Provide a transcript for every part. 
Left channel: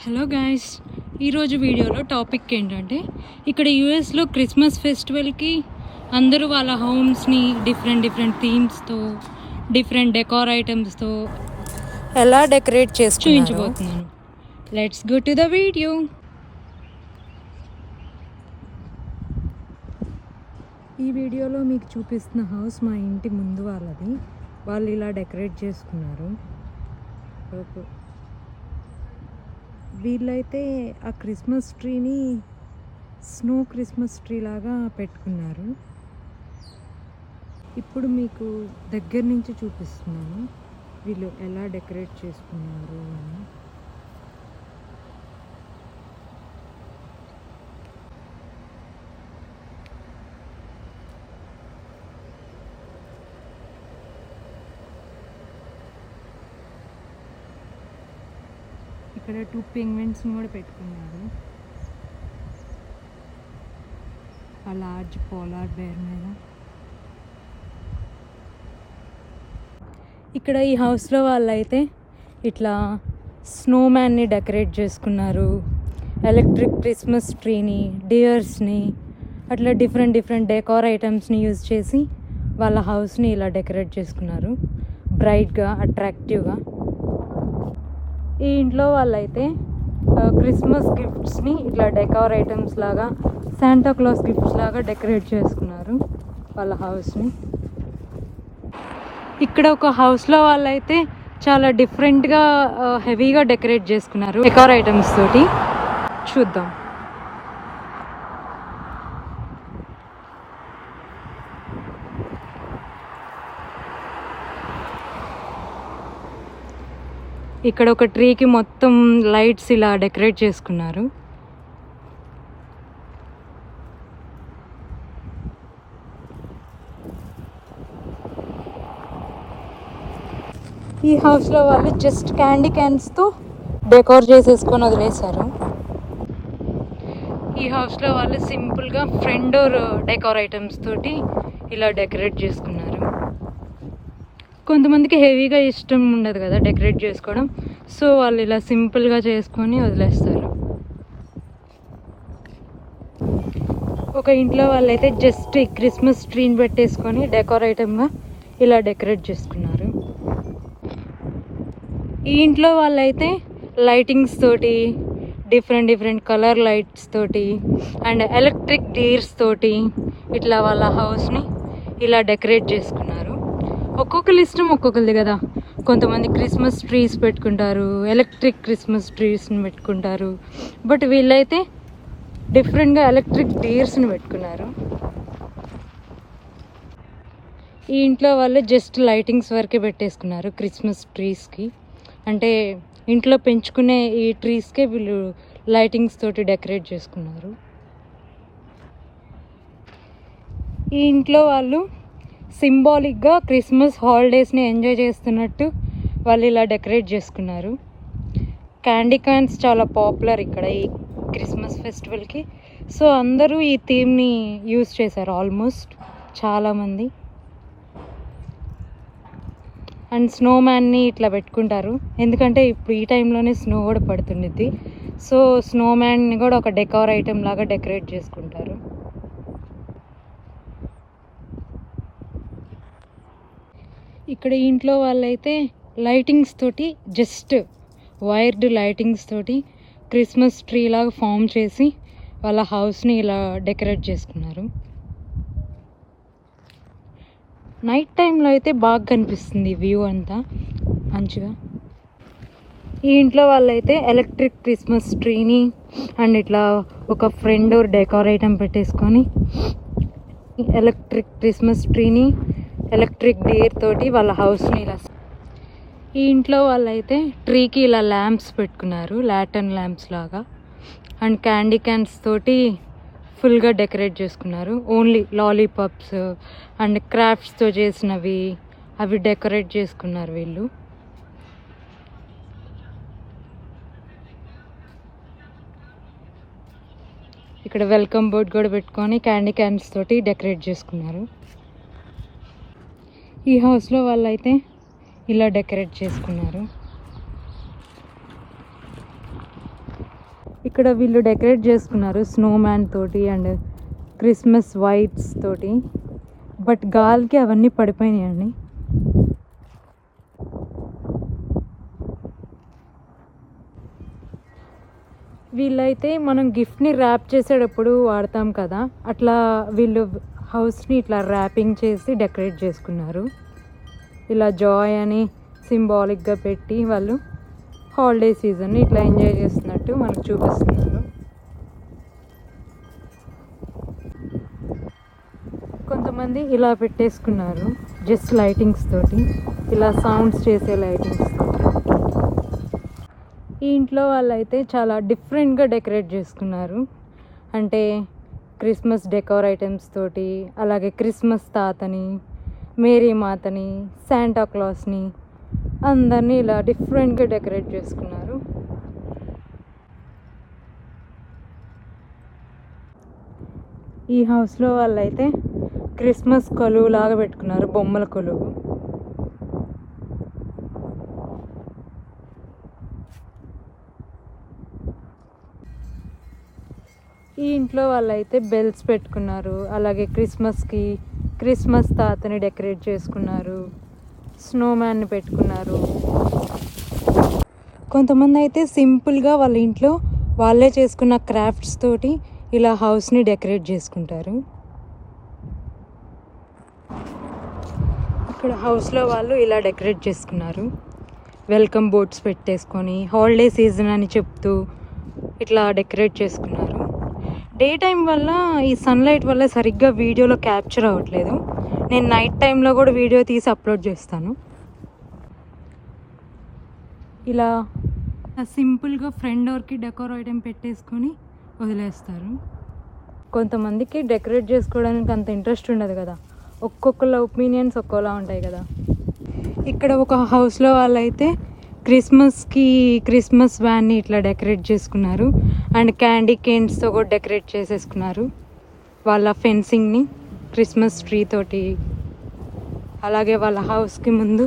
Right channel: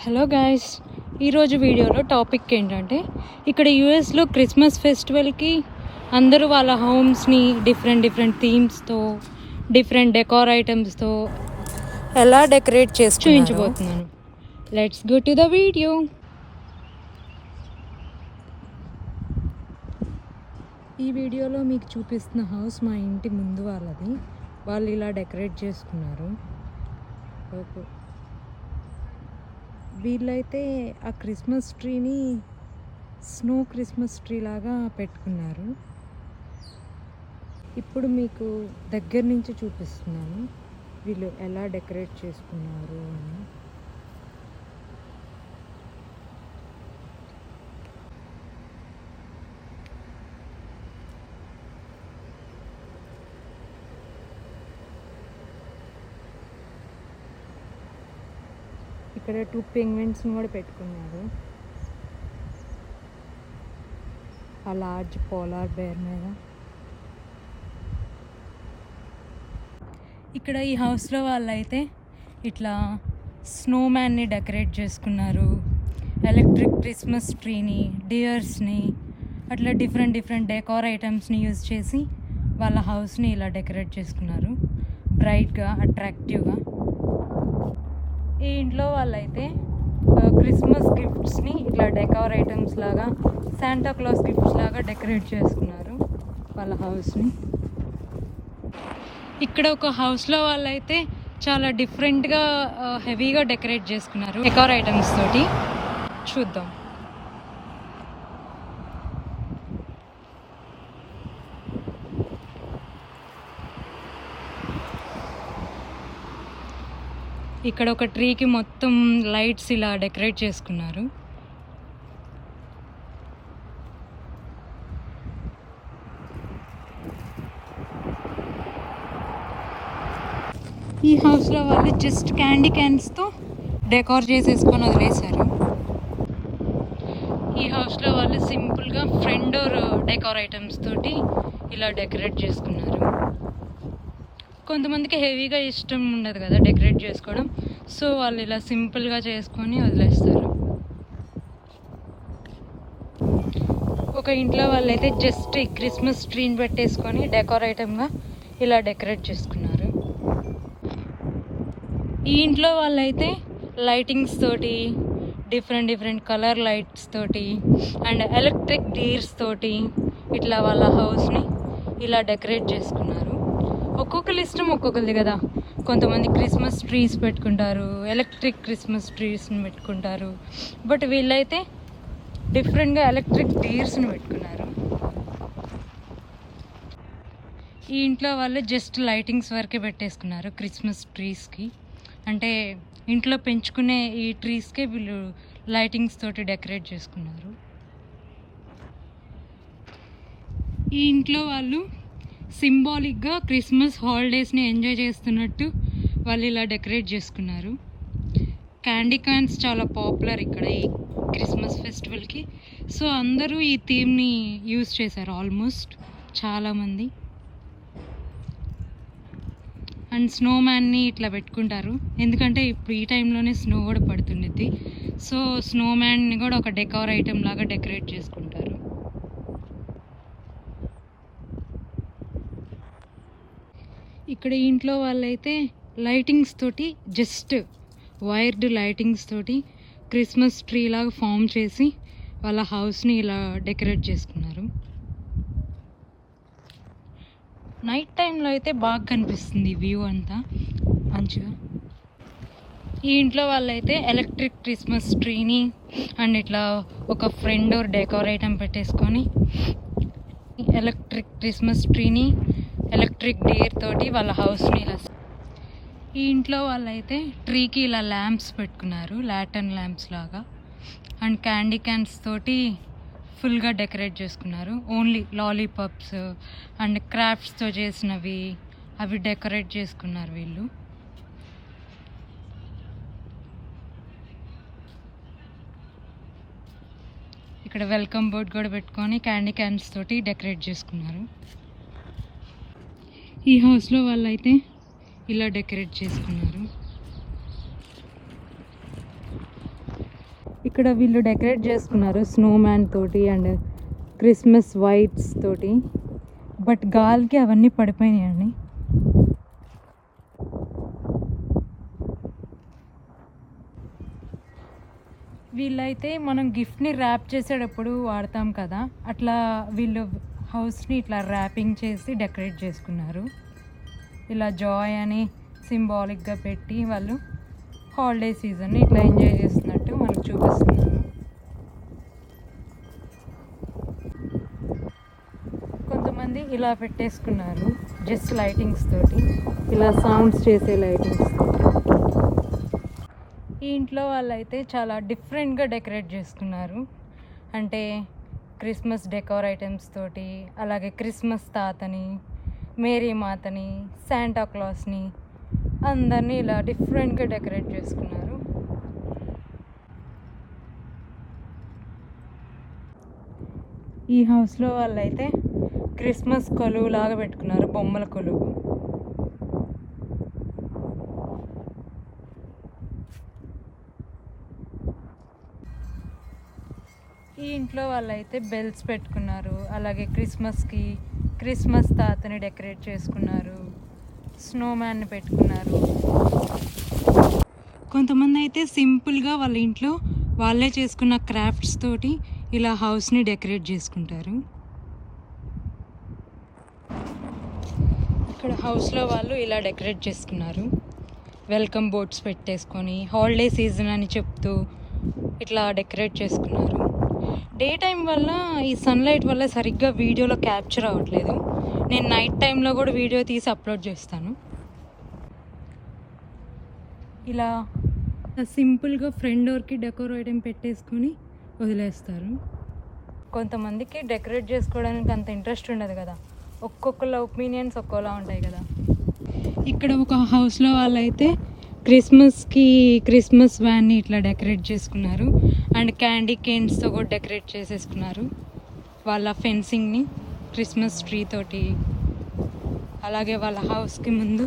Hello guys ఈరోజు వీడియోలో topic ఏంటంటే ఇక్కడ యూఎస్లో క్రిస్మస్ ఫెస్టివల్కి అందరూ వాళ్ళ హోమ్స్ని డిఫరెంట్ డిఫరెంట్ థీమ్స్తో డిఫరెంట్ డెకార్ ఐటమ్స్తో ఎలా డెకరేట్ చేసుకుంటారు చూపించబోతున్నాను let's go to the video. ఈ వీడియోలో మీకు చూపిస్తున్న హౌస్ మా ఇంటి ముందు వాళ్ళది. వాళ్ళు ఇలా డెకరేట్ చేసుకున్నారు. ఒక- వీళ్ళైతే ఆ క్రిస్మస్ ట్రీని స్నో క్రిస్మస్ ట్రీ లాగా పెట్టుకున్నారు. ఇప్పుడు మీకు దగ్గర నుంచి చూపిస్తున్నాను. వీళ్ళు ఎలా డెకరేట్ చేసుకున్నారు అని. ఇక్కడ టూ పెంగ్విన్స్ని కూడా పెట్టుకున్నారు. ఆ లార్జ్ పోలార్ బేర్ మీద. ఇక్కడ ఈ హౌస్లో వాళ్ళైతే ఇట్లా స్నోమ్యాన్ని డెకరేట్ చేసుకున్నారు. ఎలక్ట్రిక్ క్రిస్మస్ ట్రీని డియర్స్ని అట్లా డిఫరెంట్ డిఫరెంట్ డెకార్ ఐటమ్స్ని యూజ్ చేసి వాళ్ళ హౌస్ని ఇలా డెకరేట్ చేసుకున్నారు. బ్రైట్గా అట్రాక్టివ్గా ఈ ఇంట్లో వాళ్ళైతే క్రిస్మస్ గిఫ్ట్స్ని ఇట్లా డెకార్ ఐటమ్స్ లాగా శాంటాక్లాస్ గిఫ్ట్స్ లాగా డెకరేట్ చేసుకున్నారు వాళ్ళ హౌస్ని. ఇక్కడ ఒక హౌస్లో వాళ్ళైతే చాలా డిఫరెంట్గా హెవీగా డెకరేట్ చేసుకున్నారు డెకార్ ఐటమ్స్ తోటి. చూద్దాం. ఇక్కడ ఒక ట్రీకి మొత్తం లైట్స్ ఇలా డెకరేట్ చేసుకున్నారు. ఈ హౌస్లో వాళ్ళు జస్ట్ క్యాండీ క్యాన్స్తో డెకోర్ చేసేసుకొని వదిలేశారు. ఈ హౌస్లో వాళ్ళు సింపుల్గా ఫ్రెండ్ డోర్ డెకోర్ ఐటమ్స్ తోటి ఇలా డెకరేట్ చేసుకున్నారు. కొంతమందికి హెవీగా ఇష్టం ఉండదు కదా డెకరేట్ చేసుకోవడం. సో వాళ్ళు ఇలా సింపుల్గా చేసుకొని వదిలేస్తారు. ఒక ఇంట్లో వాళ్ళైతే జస్ట్ ఈ క్రిస్మస్ ట్రీని పెట్టేసుకొని డెకోర్ ఐటమ్గా ఇలా డెకరేట్ చేసుకున్నారు. ఈ ఇంట్లో వాళ్ళైతే లైటింగ్స్ తోటి డిఫరెంట్ డిఫరెంట్ కలర్ లైట్స్ తోటి అండ్ ఎలక్ట్రిక్ డీర్స్ తోటి ఇట్లా వాళ్ళ హౌస్ని ఇలా డెకరేట్ చేసుకున్నారు. ఒక్కొక్కరి ఇష్టం ఒక్కొక్కరిది కదా. కొంతమంది క్రిస్మస్ ట్రీస్ పెట్టుకుంటారు ఎలక్ట్రిక్ క్రిస్మస్ ట్రీస్ని పెట్టుకుంటారు. బట్ వీళ్ళైతే డిఫరెంట్గా ఎలక్ట్రిక్ డీర్స్ని పెట్టుకున్నారు. ఈ ఇంట్లో వాళ్ళు జస్ట్ లైటింగ్స్ వరకే పెట్టేసుకున్నారు క్రిస్మస్ ట్రీస్కి. అంటే ఇంట్లో పెంచుకునే ఈ ట్రీస్కే వీళ్ళు లైటింగ్స్ తోటి డెకరేట్ చేసుకున్నారు. ఈ ఇంట్లో వాళ్ళు సింబాలిక్గా క్రిస్మస్ హాలిడేస్ని ఎంజాయ్ చేస్తున్నట్టు వాళ్ళు ఇలా డెకరేట్ చేసుకున్నారు. క్యాండీ కాయిన్స్ చాలా పాపులర్ ఇక్కడ ఈ క్రిస్మస్ ఫెస్టివల్కి. సో అందరూ ఈ థీమ్ని యూజ్ చేశారు ఆల్మోస్ట్ చాలామంది. అండ్ స్నో మ్యాన్ని ఇట్లా పెట్టుకుంటారు. ఎందుకంటే ఇప్పుడు ఈ టైంలోనే స్నో కూడా పడుతుండిద్ది. సో స్నో మ్యాన్ని కూడా ఒక డెకార్ ఐటెం లాగా డెకరేట్ చేసుకుంటారు. ఇక్కడ ఇంట్లో వాళ్ళైతే లైటింగ్స్ తోటి జస్ట్ వైర్డ్ లైటింగ్స్ తోటి క్రిస్మస్ ట్రీ లాగా ఫామ్ చేసి వాళ్ళ హౌస్ని ఇలా డెకరేట్ చేసుకున్నారు. నైట్ టైంలో అయితే బాగా కనిపిస్తుంది వ్యూ అంతా. మంచిగా. ఈ ఇంట్లో వాళ్ళైతే ఎలక్ట్రిక్ క్రిస్మస్ ట్రీని అండ్ ఇట్లా ఒక ఫ్రెండ్ డెకరేటం ఐటమ్ పెట్టేసుకొని ఎలక్ట్రిక్ క్రిస్మస్ ట్రీని ఎలక్ట్రిక్ డేర్ తోటి వాళ్ళ హౌస్ని ఇలా ఈ ఇంట్లో వాళ్ళైతే ట్రీకి ఇలా ల్యాంప్స్ పెట్టుకున్నారు లాటన్ ల్యాంప్స్ లాగా. అండ్ క్యాండీ క్యాన్స్ తోటి ఫుల్గా డెకరేట్ చేసుకున్నారు. ఓన్లీ లాలీపాప్స్ అండ్ క్రాఫ్ట్స్తో చేసినవి అవి డెకరేట్ చేసుకున్నారు వీళ్ళు. ఇక్కడ వెల్కమ్ బోర్డ్ కూడా పెట్టుకొని క్యాండీ క్యాన్స్ తోటి డెకరేట్ చేసుకున్నారు. ఈ హౌస్లో వాళ్ళైతే ఇలా డెకరేట్ చేసుకున్నారు. ఇక్కడ వీళ్ళు డెకరేట్ చేసుకున్నారు స్నోమ్యాన్ తోటి అండ్ క్రిస్మస్ వైట్స్ తోటి. బట్ గాలికి అవన్నీ పడిపోయినాయండి వీళ్ళైతే మనం గిఫ్ట్ని ర్యాప్ చేసేటప్పుడు వాడతాం కదా అట్లా వీళ్ళు హౌస్ని ఇట్లా ర్యాపింగ్ చేసి డెకరేట్ చేసుకున్నారు. ఇలా జాయ్ అని సింబాలిక్గా పెట్టి వాళ్ళు హాలిడే సీజన్ని ఇట్లా ఎంజాయ్ చేస్తున్నట్టు మనకు చూపిస్తున్నారు. కొంతమంది ఇలా పెట్టేసుకున్నారు జస్ట్ లైటింగ్స్ తోటి. ఇలా సౌండ్స్ చేసే లైటింగ్స్ ఈ ఇంట్లో వాళ్ళైతే చాలా డిఫరెంట్గా డెకరేట్ చేసుకున్నారు. అంటే క్రిస్మస్ డెకోర్ ఐటమ్స్ తోటి అలాగే క్రిస్మస్ తాతని మేరీ మాతని శాంటా క్లాస్ని అందరినీ ఇలా డిఫరెంట్గా డెకరేట్ చేసుకున్నారు. ఈ హౌస్లో వాళ్ళైతే క్రిస్మస్ కొలువు లాగా పెట్టుకున్నారు బొమ్మల కొలువు. ఈ ఇంట్లో వాళ్ళైతే బెల్స్ పెట్టుకున్నారు. అలాగే క్రిస్మస్కి క్రిస్మస్ తాతని డెకరేట్ చేసుకున్నారు. స్నోమ్యాన్ని పెట్టుకున్నారు. కొంతమంది అయితే సింపుల్గా వాళ్ళ ఇంట్లో వాళ్ళే చేసుకున్న క్రాఫ్ట్స్ తోటి ఇలా హౌస్ని డెకరేట్ చేసుకుంటారు. ఇక్కడ హౌస్లో వాళ్ళు ఇలా డెకరేట్ చేసుకున్నారు. వెల్కమ్ బోర్డ్స్ పెట్టేసుకొని హాలిడే సీజన్ అని చెప్తూ ఇట్లా డెకరేట్ చేసుకున్నారు. డే టైం వల్ల ఈ సన్లైట్ వల్ల సరిగ్గా వీడియోలో క్యాప్చర్ అవ్వట్లేదు. నేను నైట్ టైంలో కూడా వీడియో తీసి అప్లోడ్ చేస్తాను. ఇలా సింపుల్గా ఫ్రంట్ డోర్కి డెకోర్ ఐటెం పెట్టేసుకొని వదిలేస్తారు. కొంతమందికి డెకరేట్ చేసుకోవడానికి అంత ఇంట్రెస్ట్ ఉండదు కదా. ఒక్కొక్కళ్ళ ఒపీనియన్స్ ఒక్కోలా ఉంటాయి కదా. ఇక్కడ ఒక హౌస్లో వాళ్ళైతే క్రిస్మస్కి క్రిస్మస్ వ్యాన్ని ఇట్లా డెకరేట్ చేసుకున్నారు. అండ్ క్యాండీ కేన్స్తో కూడా డెకరేట్ చేసేసుకున్నారు. వాళ్ళ ఫెన్సింగ్ని క్రిస్మస్ ట్రీ తోటి అలాగే వాళ్ళ హౌస్కి ముందు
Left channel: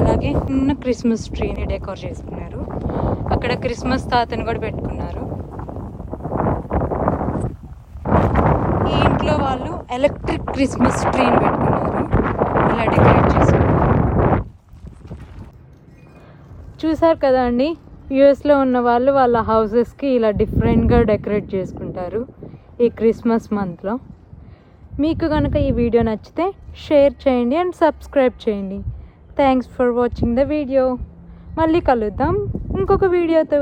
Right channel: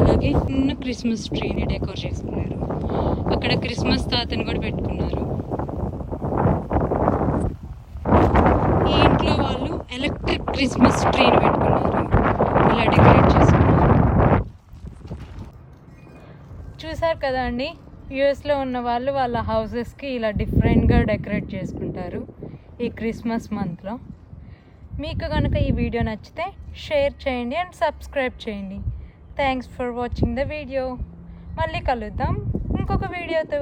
అలాగే చిన్న క్రిస్మస్ ట్రీని డెకోర్ చేసుకున్నారు. అక్కడ క్రిస్మస్ తాతని కూడా పెట్టుకున్నారు. ఈ ఇంట్లో వాళ్ళు ఎలక్ట్రిక్ క్రిస్మస్ ట్రీని పెట్టుకున్నారు. ఇలా డెకరేట్ చేసుకున్నారు. చూసారు కదా అండి యూఎస్లో ఉన్న వాళ్ళు వాళ్ళ హౌసెస్కి ఇలా డిఫరెంట్గా డెకరేట్ చేసుకుంటారు ఈ క్రిస్మస్ మంత్లో. మీకు కనుక ఈ వీడియో నచ్చితే షేర్ చేయండి అండ్ సబ్స్క్రైబ్ చేయండి. Thanks for watching the video. మళ్ళీ కలుద్దాం ఇంకొక వీడియోతో.